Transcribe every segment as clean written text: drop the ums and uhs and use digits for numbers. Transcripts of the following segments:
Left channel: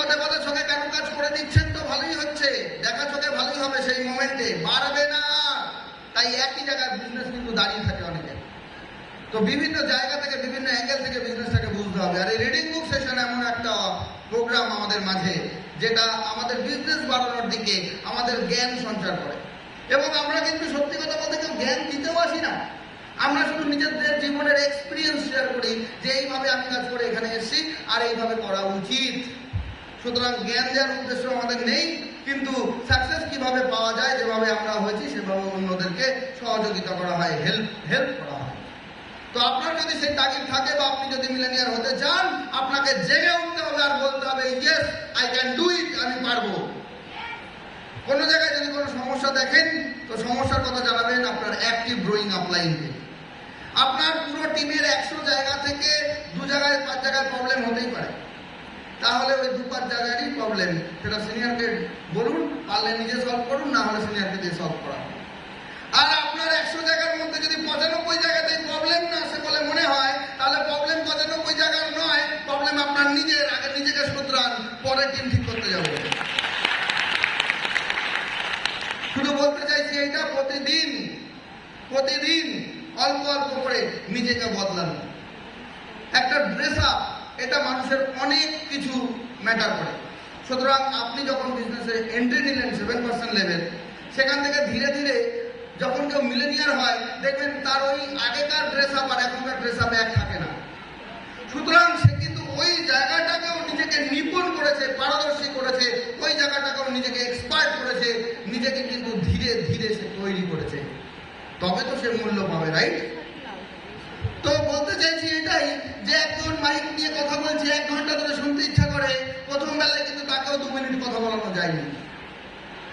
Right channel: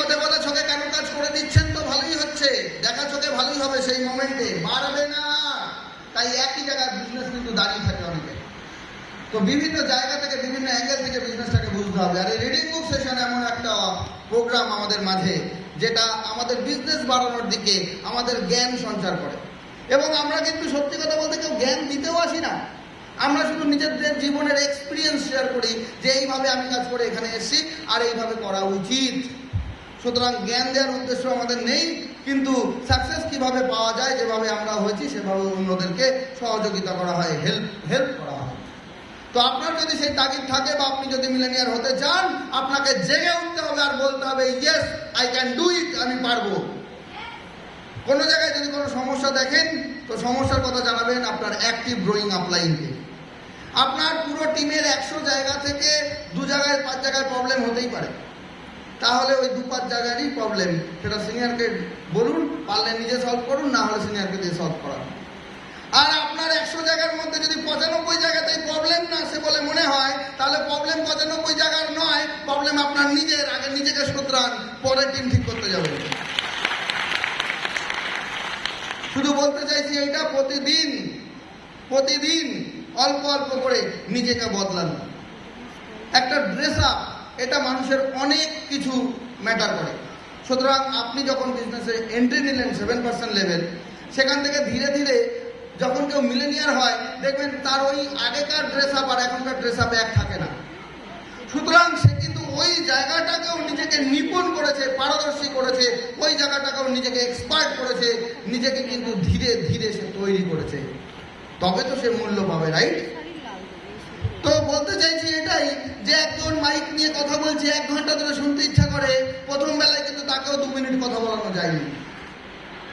কথা কথা চোখে কেন কাজ করে দিচ্ছেন? তো ভালোই হচ্ছে, দেখা চোখে ভালোই হবে, সেই মোমেন্টে বাড়বে না। তাই একই জায়গায় বিজনেস কিন্তু দাঁড়িয়ে থাকে অনেকে। তো বিভিন্ন জায়গা থেকে, বিভিন্ন অ্যাঙ্গেল থেকে বিজনেসটাকে বুঝতে হবে। আর এই রিডিং বুক সেশন এমন একটা প্রোগ্রাম আমাদের মাঝে, যেটা আমাদের বিজনেস বাড়ানোর দিকে আমাদের জ্ঞান সঞ্চার করে। এবং আমরা কিন্তু সত্যি কথা বলতে কেউ জ্ঞান দিতেও আসি না, আমরা শুধু নিজেদের জীবনের এক্সপিরিয়েন্স শেয়ার করি যে এইভাবে আমি কাজ করে এখানে এসেছি আর এইভাবে করা উচিত। সুতরাং জ্ঞান দেওয়ার উদ্দেশ্য আমাদের নেই, কিন্তু সাকসেস কিভাবে পাওয়া যায়, যেভাবে আমরা হয়েছি সেভাবে অন্যদেরকে সহযোগিতা করা হয়, হেল্প করা হয়। তো আপনার যদি সেই তাগিদ থাকে বা আপনি যদি মিলেনিয়ার হতে চান, আপনাকে জেগে উঠতে হবে আর বলতে হবে yes I can do it, আমি পারবো। কোনো জায়গায় যদি কোনো সমস্যা দেখেন তো সমস্যার কথা জানাবেন আপনার অ্যাক্টিভ গ্রোয়িং আপলাইনকে। আপনার পুরো টিমের 100 জায়গা থেকে 2 জায়গায় 5 জায়গায় প্রবলেম হতেই পারে, তাহলে ওই 2-5 জায়গারই প্রবলেম সেটা সিনিয়রকে বলুন, পারলে নিজে সলভ করুন, না হলে সিনিয়রকে দিয়ে সলভ করান। আর আপনার 100 জায়গার মধ্যে যদি 95 জায়গাতে প্রবলেম না আসে বলে মনে হয়, তাহলে প্রবলেম 95 জায়গার নয়, প্রবলেম আপনার নিজের। আগে নিজেকে শুধরান, পরের দিন ঠিক করতে যাবে। শুধু বলতে চাইছি এটা প্রতিদিন অল্প অল্প করে নিজেকে বদলান। একটা ড্রেস আপ, এটা মানুষের অনেক কিছু ম্যাটার করে। সুতরাং আপনি যখন বিজনেসে এন্ট্রি নিলেন 7% লেভেল, সেখান থেকে ধীরে ধীরে যখন কেউ মিলেনিয়ার হয়, দেখবেন তার ওই আগেকার ড্রেস আপ আর এখনকার ড্রেস আপ এক থাকে না। সুতরাং সে কিন্তু ওই জায়গাটাকেও নিজেকে নিপুণ করেছে, পারদর্শী করেছে, ওই জায়গাটাকেও নিজেকে এক্সপার্ট করেছে, নিজেকে কিন্তু ধীরে ধীরে সে তৈরি করেছে। তবে তো সে মূল্য পাবে, রাইট? তো বলতে চাইছি এটাই, যে একজন মাইক নিয়ে কথা বলছে, 1 ঘন্টা ধরে শুনতে ইচ্ছা করে, প্রথম বেলায় কিন্তু তাকেও 2 মিনিট কথা বলানো যায়নি।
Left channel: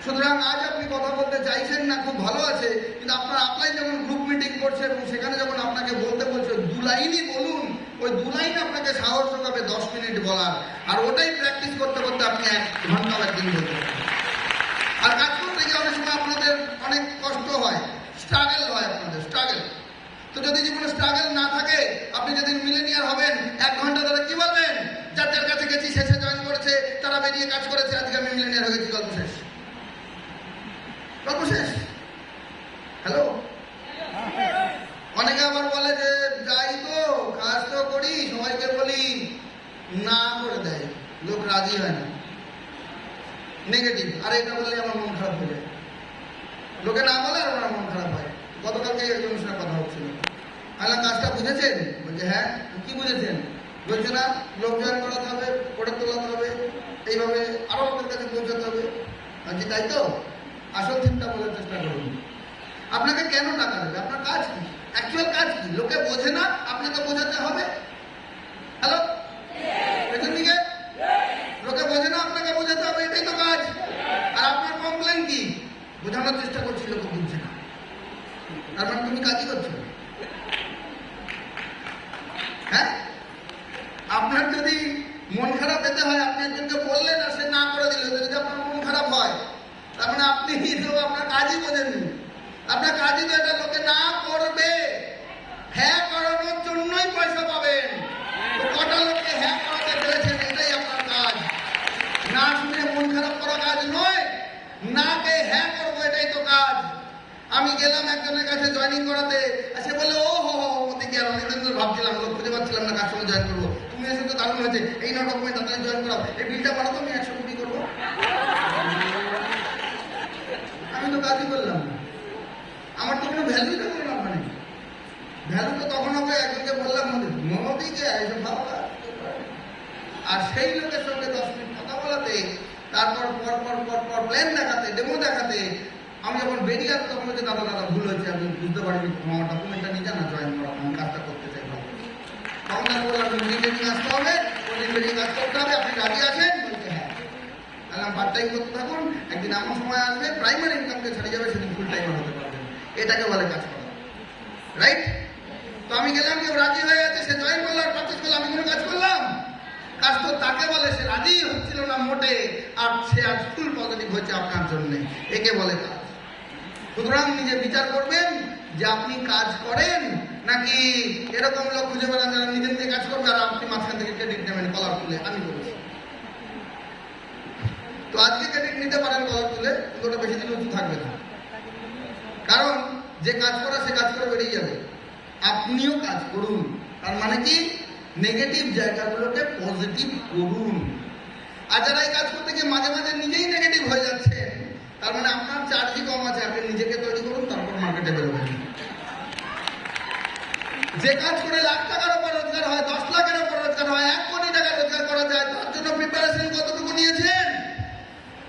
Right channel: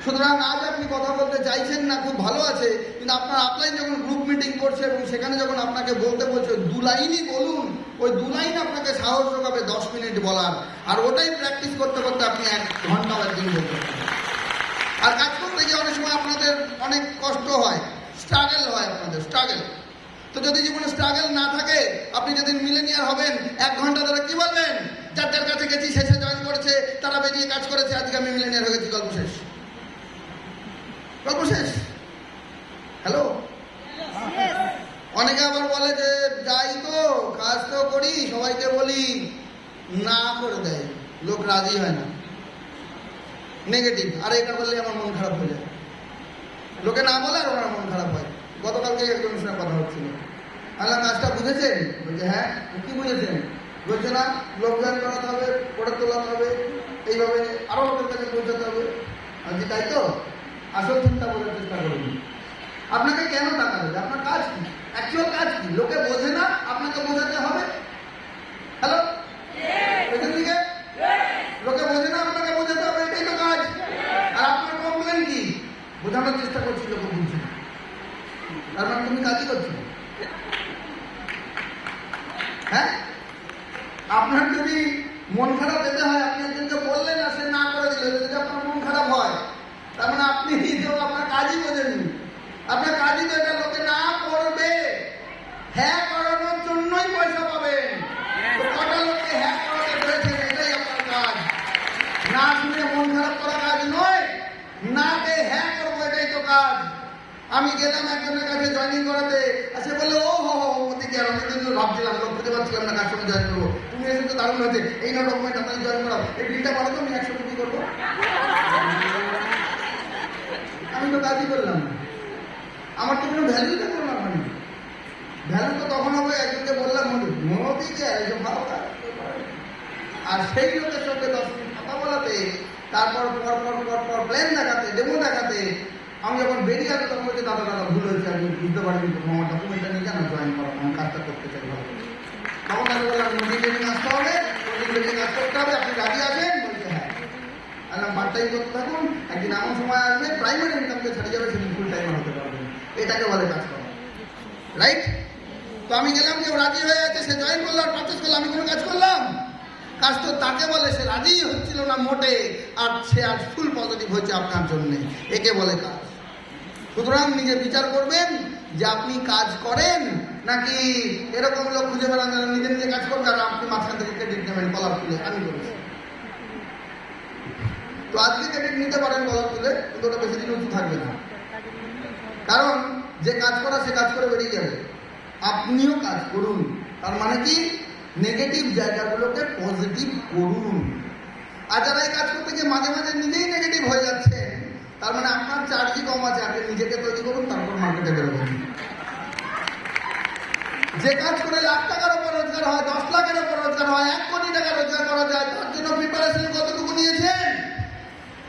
সুতরাং আজ আপনি কথা বলতে চাইছেন না, খুব ভালো আছে, কিন্তু আপনার আপলাইন যখন গ্রুপ মিটিং করছে এবং সেখানে যখন আপনাকে বলতে বলছে 2 লাইনই বলুন, ওই 2 লাইন আপনাকে সাহস যোগাবে 10 মিনিট বলার। আর ওটাই প্র্যাকটিস করতে করতে আপনি 1 ঘন্টা একদিন বলতে পারেন। আর কাজ করতে গিয়ে অনেক সময় আপনাদের অনেক কষ্ট হয়, স্ট্রাগল হয়, আপনাদের স্ট্রাগল। তো যদি জীবনে স্ট্রাগল না থাকে, আপনি যেদিন মিলেনিয়ার হবেন 1 ঘন্টা ধরে কি বলবেন? যার যার কাছে গেছি, শেষে জয়েন করেছে, তারা বেরিয়ে কাজ করেছে, আজকে আমি মিলেনিয়ার হয়ে গেছি, গল্প শেষ। গল্প শেষ। হ্যালো, অনেকে আবার বলে যে যাই তো, কাজ তো করি, সবাইকে বলি, না করে দেয়, লোক রাজি হয় না, নেগেটিভ। আরে এটা বলে আমার মন খারাপ হয়ে যায়, লোকে না বলে আর আমার মন খারাপ হয়। গতকালকে একজনের সঙ্গে কথা হচ্ছিল, আল্লাহ কাজটা বুঝেছেন? বলছে হ্যাঁ। কি বুঝেছেন? বলছে না, লোক জয়েন করাতে হবে, করে তোলাতে হবে, এইভাবে আরো আপনার কাছে পৌঁছাতে হবে। বলছি তাই তো, আসল চিন্তা বলার চেষ্টা করুন। আপনাকে কেন টাকা দেবে? আপনার কাজ কি? অ্যাকচুয়াল কাজ কি? লোকে বোঝে না, আপনাকে বোঝাতে হবে। হ্যালো, পেছন দিকে লোকে বোঝে না, আপনাকে বোঝাতে হবে, এটাই তো কাজ। আর আপনার কমপ্লেন কি? বোঝানোর চেষ্টা করছি, লোক বুঝছে না, তার মানে তুমি কাজই করছো। হ্যাঁ, আপনার যদি মন খারাপ যেতে হয়, আপনি একজনকে বললেন আর সে না করে দিল, যদি আপনার মন খারাপ হয়, তার মানে আপনি আপনার কাজই বোঝেননি। আপনার কাজই তো এটা লোকে না করবে, হ্যাঁ করানোর জন্যই পয়সা পাবেন। কটা লোককে হ্যাঁ করাতে পেরেছেন, এটাই আপনার কাজ। না শুনে মন খারাপ করা কাজ নয়, না কে হ্যাঁ করবো, এটাই তো কাজ। আমি গেলাম একজনের কাছে জয়েনিং করাতে, সে বললো ও হো ওদিকে, আমি কিন্তু ভাবছিলাম, লোক খুঁজে পাচ্ছিলাম না কার সঙ্গে জয়েন করবো। তুমি এসে তো দারুণ হয়েছে, এই না ডকুমেন্ট আপনাকে জয়েন করাবো, এই বিলটা বাড়ো তো, আমি 100 কোটি করবো। আমি তো কাজই করলাম, আমার তো কোনো ভ্যালু তো করলাম না। ভ্যালু তো তখন হবে একজনকে বললাম মনোদিকে এইসব ভালো কাজ। আর সেই লোকের সঙ্গে 10 মিনিট কথা বলাতে, তারপর পর প্ল্যান দেখাতে, ডেমো দেখাতে, আমি যখন বেরিয়ে আসবো তখন বলছি দাদা ভুল হয়েছে, আমি বুঝতে পারিনি, আমার ডকুমেন্টটা নিয়ে কেন জয়েন করা, আমার কাজটা করতে চাই। তখন তাকে বললাম মিটিং আসতে হবে, মিটিং আসতে হবে, আপনি রাজি আছেন? বলতে হ্যাঁ। তাহলে পার্ট টাইম করতে থাকুন, একদিন এমন সময় আসবে প্রাইমারি ইনকামকে ছেড়ে যাবে, সেদিন ফুল টাইম হতে পারবেন। এটাকে বলে কাজ করা, রাইট? তো আমি গেলাম, কেউ রাজি হয়ে গেছে, সে জয়েন করলাম, পারচেস করলাম, আমি কোনো কাজ করলাম? কাজ তো তাকে বলে, সে রাজি হচ্ছিল না মোটে, আর সে আজ ফুল পজিটিভ হচ্ছে আপনার জন্য, একে বলে কাজ। সুতরাং নিজে বিচার করবেন যে আপনি কাজ করেন নাকি এরকম লোক খুঁজে বেড়ান যারা নিজে নিজে কাজ করবে আর আপনি মাঝখান থেকে ক্রেডিট নেবেন কলার তুলে আমি করেছি। তো আজকে ক্রেডিট নিতে পারেন গলা তুলে, কিন্তু ওটা বেশি দিন উঁচু থাকবে না, কারণ যে কাজ করা সে কাজ করে বেরিয়ে যাবে। আপনিও কাজ করুন, তার মানে কি নেগেটিভ জায়গাগুলোকে পজিটিভ করুন। আর যারা এই কাজ করতে গিয়ে মাঝে মাঝে নিজেই নেগেটিভ হয়ে যাচ্ছেন, তার মানে আপনার চার্জই কম আছে। আপনি নিজেকে তৈরি করুন, তারপর মার্কেটে বেরোবেন। যে কাজ করে লাখ টাকার উপর রোজগার হয়, 10 লাখের উপর রোজগার হয়, 1 কোটি টাকা রোজগার করা যায়, তার জন্য প্রিপারেশন কতটুকু নিয়েছেন?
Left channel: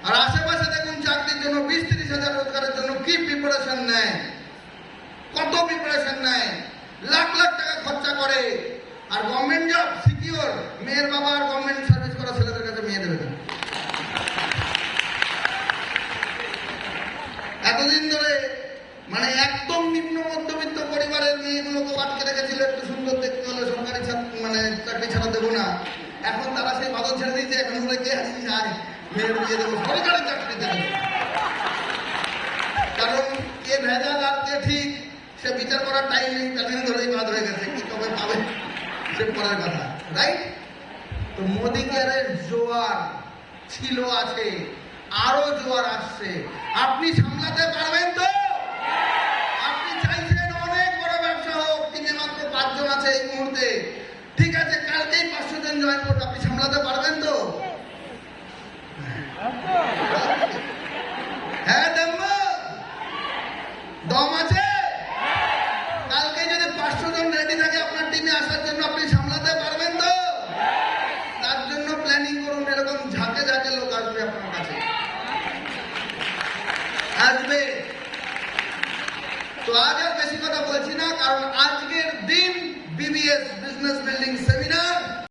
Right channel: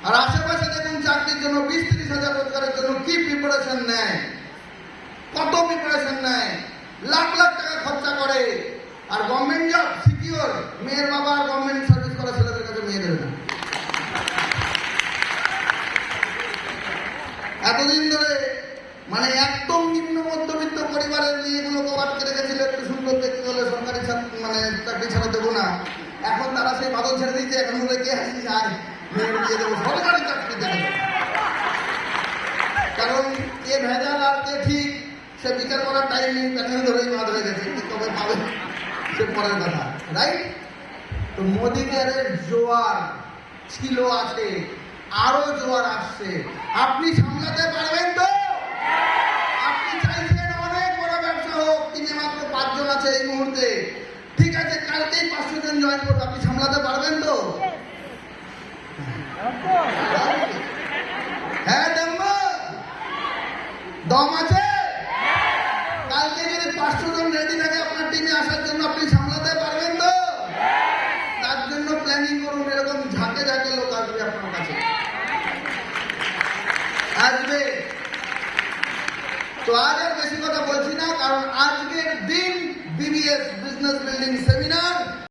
আর আশেপাশে দেখুন চাকরির জন্য 20-30 হাজার রোজগারের জন্য কি প্রিপারেশন নেয়, কত প্রিপারেশন নেয়, লাখ লাখ টাকা খরচা করে। আর গভর্নমেন্ট জব সিকিউর, মেয়ের বাবা গভর্নমেন্ট সার্ভিস করা ছেলেদের কাছে মেয়ে দেবে না। এতদিন ধরে মানে একদম নিম্ন মধ্যবিত্ত পরিবারের মেয়েগুলোকে আটকে রেখেছিল, একটু সুন্দর দেখতে হলে সরকারি মানে চাকরি ছাড়া দেবো না। এখন তারা সেই বাদল ছেড়ে দিচ্ছে, এখন বলে কে আসিস আর মেয়ের বিয়ে দেবো, সরকারি চাকরি দেবে। কারণ কে ভেজাল আর কে ঠিক সে বিচার করার টাইম নেই, প্যানেল ধরেই বাদ হয়ে গেছে, কি কবে পাবে সে পরের কথা, রাইট? তো মোদী কেয়ারের জোয়ার ছিল, আছে, আরো জোয়ার আসছে। আপনি সামলাতে পারবেন তো? আপনি চাইছেন অনেক বড় ব্যবসা হোক, টিমে মাত্র 5 জন আছে এই মুহূর্তে, ঠিক আছে, কালকেই 500 জন জয়েন করবে, আপনি সামলাতে পারবেন তো?